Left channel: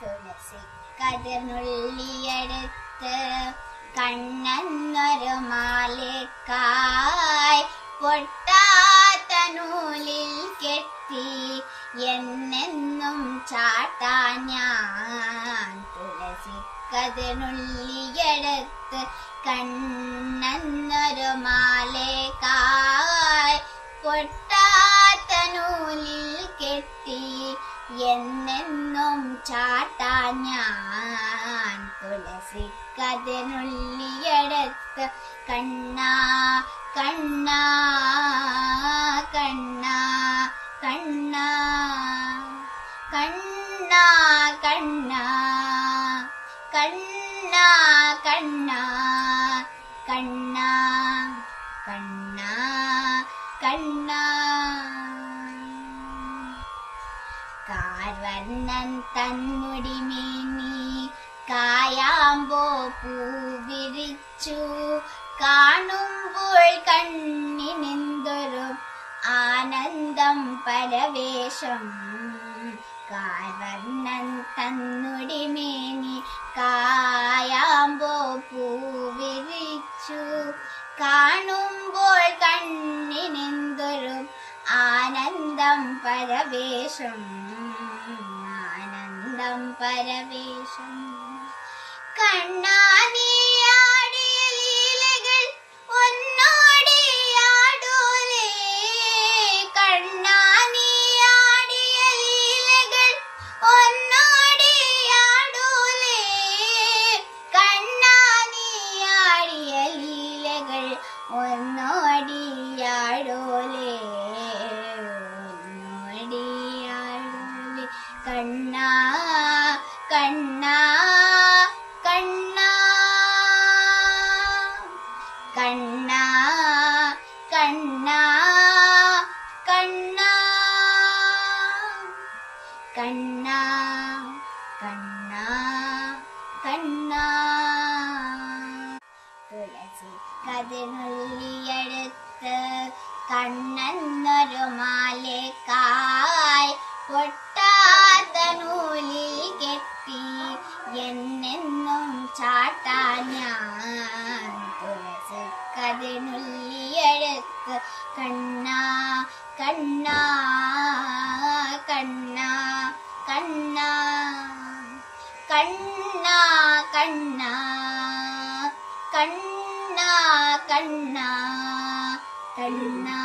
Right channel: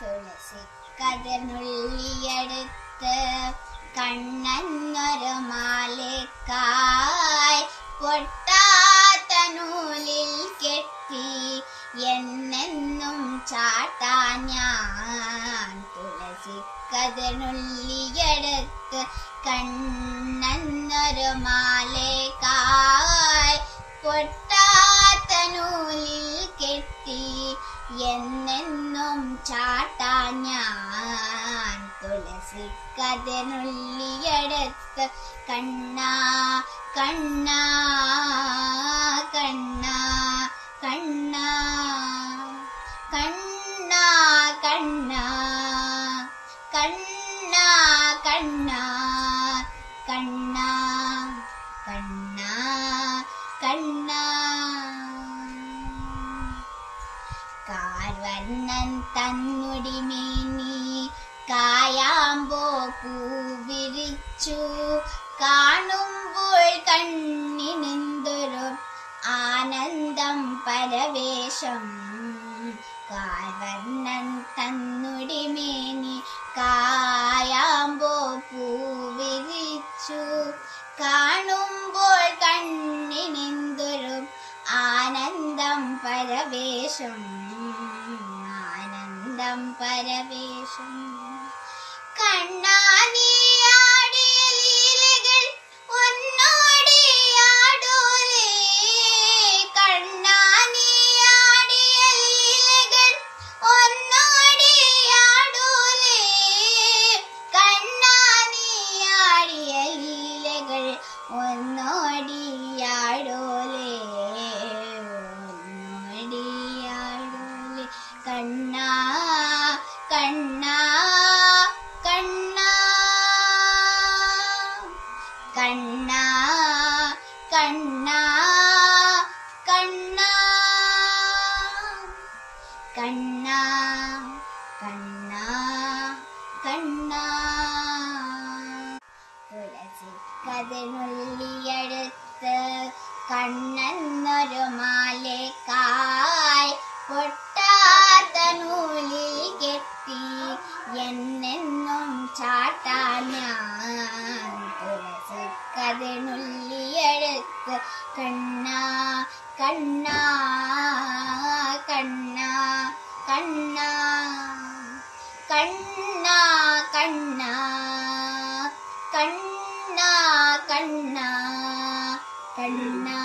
തുളസി കതിർന്നുള്ളിയെടുത്ത് കണ്ണെന്നൊരു മാലക്കായി പൊട്ടാത്ത നൂലിൽ കെട്ടി എന്നെന്നും ചാട്ടാൻ ഞാൻ. തുളസി കതിർന്നുള്ളിയെടുത്ത് കണ്ണെന്നൊരു മാലക്കായി പൊട്ടാത്ത നൂലിൽ കെട്ടി എന്നെന്നും ചാട്ടാൻ ഞാൻ. തുളസി കതിർന്നുള്ളിയെടുത്ത് കണ്ണാ കണ്ണാ കണ്ണാ കണ്ണാ കണ്ണാ കണ്ണാ കണ്ണാ കണ്ണാ കണ്ണാ കണ്ണാ കണ്ണാ. കാർവർണ്ണൻ തന്നുടി മേനി കായാമ്പോ പൂവിരിച്ചു കാണുമ്പോൾ കണ്ണിനെന്തൊരു ആനന്ദം പരവേശം. കാർവർണ്ണൻ തന്നുടി മേനി കായാമ്പോ പൂവിരിച്ചു കാണുമ്പോൾ കണ്ണിനെന്തൊരു ആനന്ദം പരവേശം. ആനന്ദം പരവേശം. കണ്ണാനിയാടിയ ലീലകൾ ഒന്നോടിയാടൂലേ. കണ്ണാനിയാടിയ ലീലകൾ ഒന്നോടിയാടൂലേ. കണ്ണാനിയാടിയ ലീലകൾ ഒന്നോടിയാടൂലേ. ഒന്നോടിയാടൂലേ. കണ്ണാ കണ്ണാ കണ്ണാ കണ്ണാ കണ്ണാ കണ്ണാ കണ്ണാ കണ്ണാ കണ്ണാ. തുളസി കതിർന്നുള്ളിയെടുത്ത് കണ്ണെന്നൊരു മാലക്കായി പൊട്ടാത്ത നൂലിൽ കെട്ടി എന്നെന്നും ചാട്ടാൻ ഞാൻ. തുളസി കതിർന്നുള്ളിയെടുത്ത് കണ്ണാ കണ്ണാ കണ്ണാ കണ്ണാ കണ്ണാ കണ്ണാ കണ്ണാ കണ്ണാ കണ്ണാ